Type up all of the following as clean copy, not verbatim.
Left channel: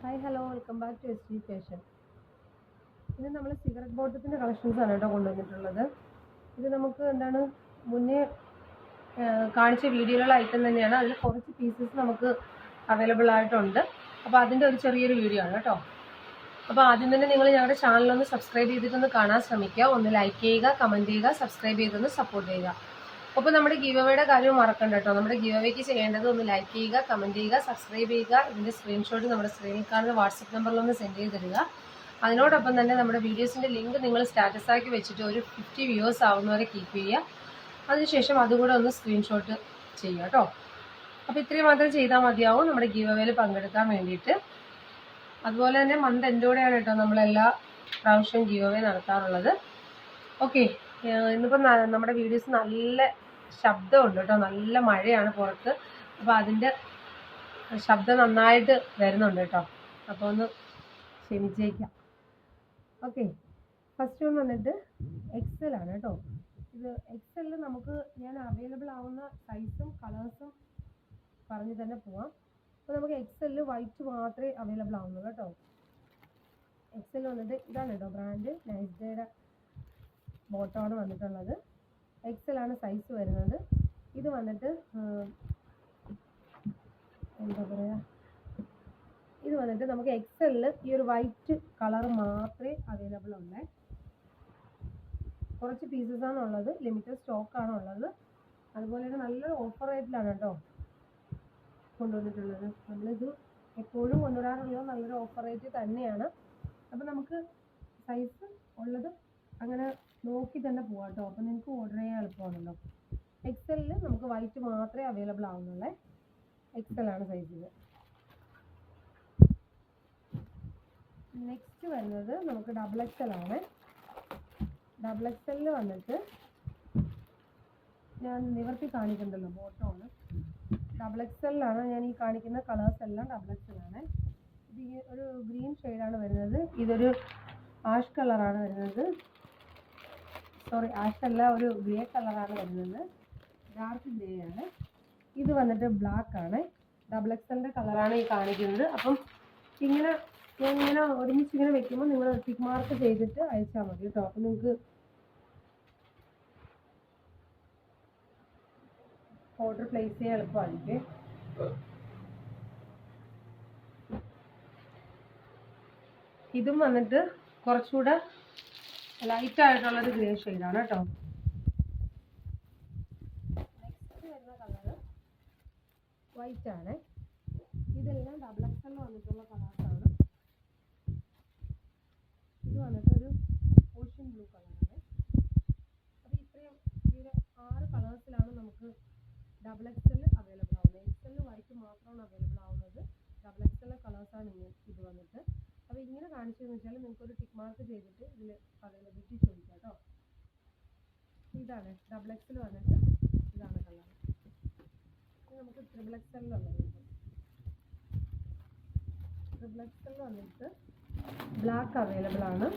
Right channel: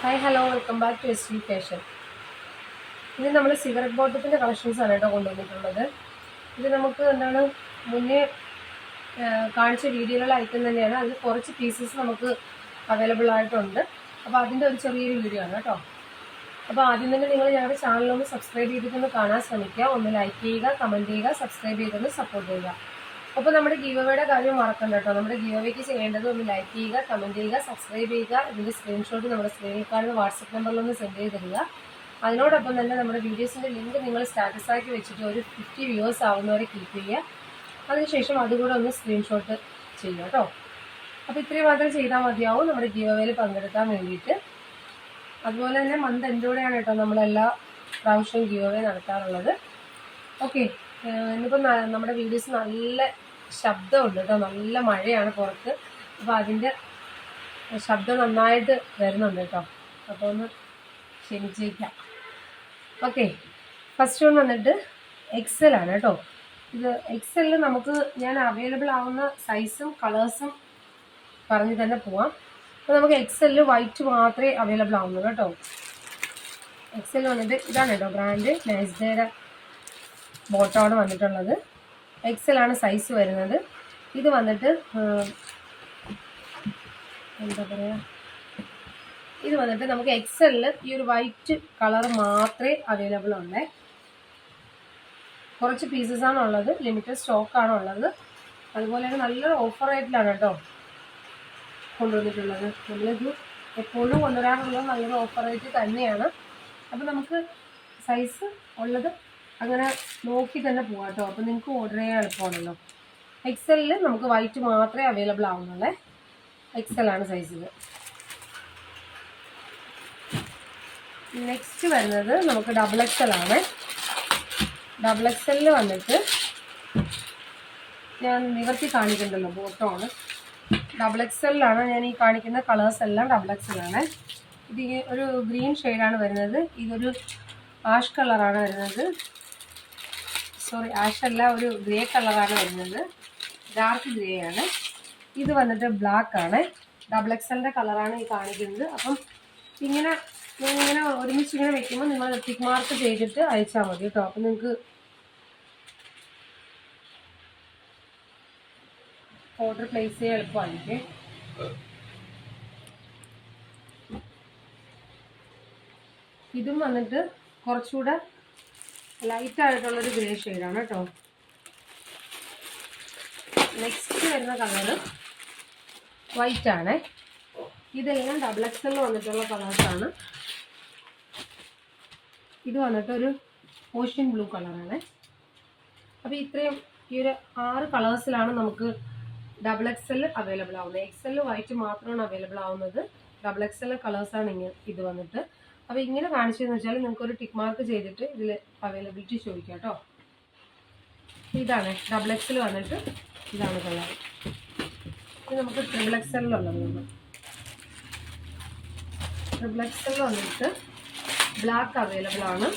Hi hello welcome back to S V fashion. ഇത് നമ്മൾ cigarette ബോട്ടത്തിൻ്റെ collections ആണ് കേട്ടോ കൊണ്ടുവന്നിട്ടുള്ളത്. ഇത് നമുക്ക് എന്താണ് മുന്നേ കാണിച്ച വീഡിയോയിലുള്ള ഐറ്റം തന്നെയാണ്. അതിൽ കുറച്ച് പീസസ് നമുക്ക് അവൈലബിൾ ആയിട്ടുണ്ട്. അപ്പോൾ അതിൻ്റെ ഒരു ചെറിയൊരു വീഡിയോ ആണ് കേട്ടോ. അപ്പോൾ ആദ്യം തന്നെ നിങ്ങൾ ഞങ്ങളുടെ ചാനലൊന്ന് സബ്സ്ക്രൈബ് ചെയ്തിട്ടൊന്ന് കാണാൻ ശ്രമിക്കുക. ഒന്ന് ലൈക്ക് ചെയ്യുക, കമൻറ്റ് ചെയ്യുക, സബ്സ്ക്രൈബ് ചെയ്തൊന്ന് സപ്പോർട്ട് ചെയ്യുക. അപ്പോൾ നമ്മുടെ ഗിവ് അവേയുടെ കാര്യം മറക്കണ്ട കേട്ടോ. നമ്മുടെ ഗിവ് അവേക്ക് ചെയ്യേണ്ടത് ഒന്ന് ലൈക്ക് ചെയ്യുക, കമൻറ്റ് ചെയ്യുക, സബ്സ്ക്രൈബ് ചെയ്യുക. ഇതിൻ്റെ സ്ക്രീൻഷോട്ട് നമ്മുടെ സ്ക്രീനിൽ കാണുന്ന വാട്സപ്പ് നമ്പറിലൊന്ന് സെൻഡ് ചെയ്ത് തരിക. അതിനോടൊപ്പം തന്നെ നമ്മുടെ വീഡിയോസിൻ്റെ ലിങ്ക് നിങ്ങൾ സ്റ്റാറ്റസാക്കി വെച്ചിട്ട് ഒരു 50 വ്യൂവേഴ്സ് ആവുന്നവരെ കീപ്പ് ചെയ്യുക. അതിനുശേഷം അതുകൂടെ ഒന്ന് സ്ക്രീൻഷോട്ട് ചെയ്യുക കേട്ടോ. അപ്പോൾ ഇത്രയും മാത്രം ചെയ്താൽ മതിയാവും നമ്മുടെ ഗിവ് അവേയിൽ പങ്കെടുക്കാൻ വേണ്ടിയിട്ട്. അതുപോലെ തന്നെ മന്ത് എൻഡോടെയാണ് കേട്ടോ നമ്മളെല്ലാ പ്രാവശ്യവും ഗിവ് അവേ നടത്താറുള്ളത്. ഓക്കെ, ഇന്നിപ്പോൾ നമ്മുടെ വീഡിയോസ് നല്ല ശബ്ദമുണ്ട് കേട്ടോ. നല്ല മഴയാണ് പുറത്ത്. അപ്പോൾ അതിൻ്റെ ശബ്ദം നന്നായിട്ട് വരുന്നുണ്ട് കേട്ടോ. അപ്പോൾ ഒന്ന് ക്ഷമിച്ചേക്കാം. ഓക്കെ, ഫസ്റ്റ് വൺ വന്നിട്ട് എക്സൽ ആണ് കേട്ടോ. ഇത് എക്സലിൽ നമുക്ക് ഞാൻ അവൈലബിൾ ആവുന്ന സൈസും കളേഴ്സും പറഞ്ഞ് തന്നെ പോവാം. അപ്പോൾ നമുക്ക് എക്സലിൽ വൈറ്റ് മാത്രമേ അവൈലബിൾ ആവുന്നുള്ളൂ കേട്ടോ. എക്സൽ വന്നിട്ട് ഇതാണ് കേട്ടോ ബ്രാൻഡ്. നൈസ്ഡേയുടെ ബോട്ടമാണ് വന്നിട്ടുള്ളത്. എക്സലാണ് സൈസ് വരുന്നത്. ഇത് വന്നിട്ട് എന്താ പറയുക, ഇത് വന്നിട്ട് നമുക്ക് എക്സലിൽ ഈ ഒരു വൈറ്റ് കളർ മാത്രമേ അവൈലബിൾ ഉള്ളേ. കുറച്ച് പീസസാണ് ഉള്ളത്, ലിമിറ്റഡ് സ്റ്റോക്കാണ് ഉള്ളത്. അതുപോലെ തന്നെ നല്ലൊരു ഓഫർ റേറ്റിലാണ് കേട്ടോ കൊണ്ടുവന്നിട്ടുള്ളത്. നമ്മളിത് എപ്പോഴും കൊണ്ടുവരാറുള്ളത് നല്ലൊരു ഓഫർ റേറ്റ് തന്നെയാണ്. അപ്പോൾ നമുക്ക് സൈസ് ഉള്ളത് അങ്ങനെ നോക്കി തന്നെ പോകാം കേട്ടോ. അപ്പോൾ നിങ്ങൾക്ക് ഓർഡർ ചെയ്യാൻ എളുപ്പമാണല്ലോ. എക്സലിൽ നമുക്ക് വൈറ്റ് മാത്രമേ അവൈലബിൾ ആവുന്നുള്ളേ. എക്സലാണ് സൈസിൽ. നെക്സ്റ്റ് വരുന്നത് നമുക്ക് ഡബിൾ എക്സൽ ആണ്. ഡബിൾ എക്സലിൽ വന്നിട്ട് ഞാൻ നിവർത്തി കാണിക്കുന്നുണ്ടല്ലോ, ബോട്ടമാണ്. ഡബിൾ എക്സലിലാണ് ഞാൻ ഈ കാണിക്കുന്ന കളേഴ്സ് എല്ലാം ഡബിൾ എക്സലാണ്. ഇത് ഒരു ഗ്രീൻ ഷെയ്ഡാണ് വരുന്നത്. ഇതൊരു ആഷ് കളറാണ് വരുന്നത്. സോറി, ആഷ് അല്ല, ഒരു ഗ്രേ കളറാണ് വരുന്നത്. ഡാർക്ക് ഗ്രേ ആണ്. ഇത് വന്നിട്ട് ബ്ലാക്ക് ആണ്. ഡബിൾ എക്സലിൻ്റെ കളറാണ് ഈ കാണിക്കുന്നത്. അപ്പം ഇങ്ങനെ ഞാനിങ്ങനെ ഒരുമിച്ച് ഇങ്ങനെ വെക്കുമ്പോൾ നിങ്ങൾ ടിക്ക് മാർക്ക് ചെയ്തിട്ട് അയച്ചാൽ മതി കേട്ടോ. അപ്പം നിങ്ങൾക്ക് ഓർഡർ പ്ലേസ് ചെയ്യാൻ എളുപ്പമായിരിക്കും. ഇതും വന്നിട്ട് കുറച്ചുകൂടെ ലൈറ്റ് ആയിട്ടുള്ളൊരു ഗ്രേ ഷെയ്ഡാണ് കേട്ടോ. നെക്സ്റ്റ് വരുന്ന കളറ് വൈറ്റ് ആണ്. ഇതെല്ലാം ഡബിൾ എക്സലിൽ വന്നിട്ടുള്ള കളേഴ്സാണ്. ഇത് വന്നിട്ട് ഒരു ഓഷ്യൻ ബ്ലൂ കളറാണ്. അപ്പോൾ ഇത്രയും ഈ ഒരു 6 കളേഴ്സിലാണ് നമുക്ക് ഡബിൾ എക്സൽ അവൈലബിൾ ആവുന്നത്. എക്സലിൽ വൈറ്റ് മാത്രമാണ് അവൈലബിൾ ആവുന്നത്. ഡബിൾ എക്സൽ കളേഴ്സാണ് ഇങ്ങനെ ഇത് വന്നിട്ട്. അപ്പോൾ ഇങ്ങനെ കാണിച്ചതെന്ന് വെച്ചാൽ നിങ്ങൾക്കൊരു ടിക്ക് മാർക്ക് ചെയ്തിട്ട് ഇതിൽ അവൈലബിലിറ്റി ചോദിക്കാം കേട്ടോ. ഇതാണ് ഡബിൾ എക്സൽ വന്നിട്ട്, ഇതാണ് കളർ. ഇത് നമുക്ക് ട്രിപ്പിൾ എക്സലിലുള്ളത്. ട്രിപ്പിൾ എക്സലിൽ വന്നിട്ട് ബ്ലാക്ക് അവൈലബിൾ ആണ്.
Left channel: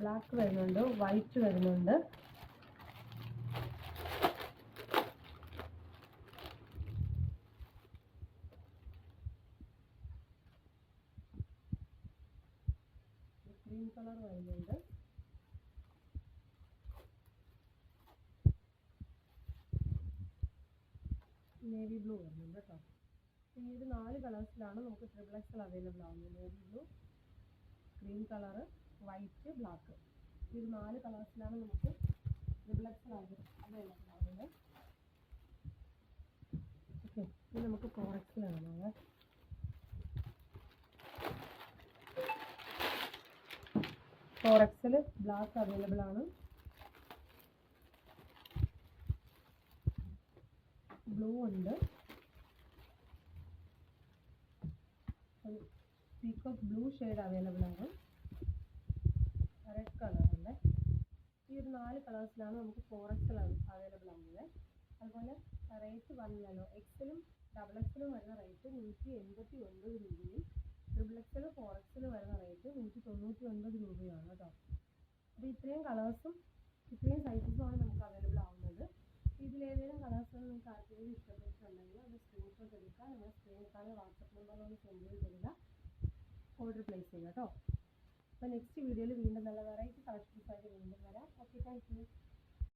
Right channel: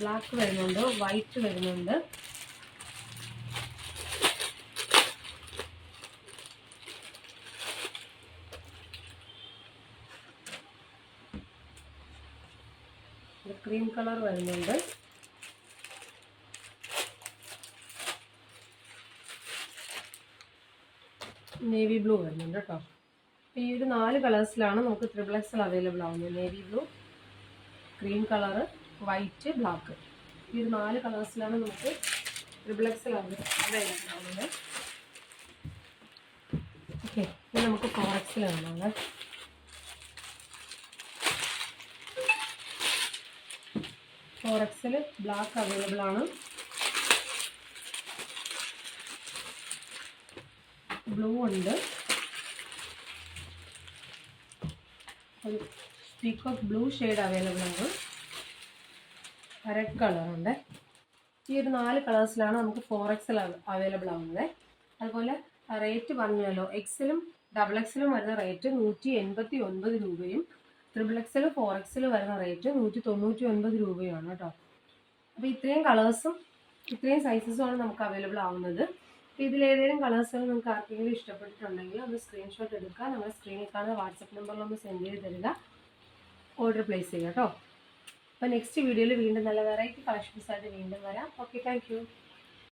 ബ്ലാക്ക് വരുന്നുണ്ട്, വൈറ്റ് വരുന്നുണ്ട്. ക്രീം കളർ വരുന്നുണ്ട്. നേവി ബ്ലൂ വരുന്നുണ്ട് കേട്ടോ. ഈ ഒരു 4 കളേഴ്സിലാണ് നമുക്ക് ട്രിപ്പിൾ എക്സൽ അവൈലബിൾ ആവുന്നത്. Navy blue, cream colour, white, black. ഈ ഒരു 4 കളേഴ്സിലാണ് നമുക്ക് ട്രിപ്പിൾ എക്സൽ അവൈലബിൾ ആവുന്നത്. ഓക്കെ, ഇനി നമുക്ക് 4XL കാണാം. 4XL ബ്ലാക്ക് അവൈലബിൾ ആണ്. ബ്ലൂ ഉണ്ട്, ഒരു പീകോക്ക് ബ്ലൂ ഷെയ്ഡ് അവൈലബിൾ ആണ്. റെഡ് കളറുണ്ട്. ഈ ഒരു 4 കളേഴ്സിലാണ് നമുക്ക് 4XL അവൈലബിൾ ആവുന്നത്. അതുപോലെ റേറ്റ് പറഞ്ഞല്ലോ, എക്സലും ഡബിൾ എക്സലും വരുന്ന റേറ്റ് 189 രൂപയും ട്രിപ്പിൾ എക്സൽ 4XL വരുന്ന റേറ്റ് 199 രൂപയുമാണ് കേട്ടോ. അപ്പോൾ ഇത്രയും കളേഴ്സും ഇത്രയും സൈസസുമാണ് നമുക്ക് അവൈലബിൾ ആവുന്നത്. അപ്പോൾ ഇതിലേതെങ്കിലും കളേഴ്സുകൾ നിങ്ങൾക്ക് ആർക്കെങ്കിലും ഇഷ്ടപ്പെട്ടിട്ടുണ്ടെങ്കിൽ ഒന്ന് സ്ക്രീൻഷോട്ട് എടുക്കുക, നമ്മുടെ സ്ക്രീനിൽ കാണുന്ന വാട്സപ്പ് നമ്പറിലൊന്ന് സെൻഡ് ചെയ്ത് തരിക, ഓർഡർ പ്ലേസ് ചെയ്യുക കേട്ടോ. അപ്പോൾ നെക്സ്റ്റ് വീഡിയോയിൽ വീണ്ടും നല്ല വെറൈറ്റി കളക്ഷൻസായിട്ട് വീണ്ടും വരാം. Okay, thank you.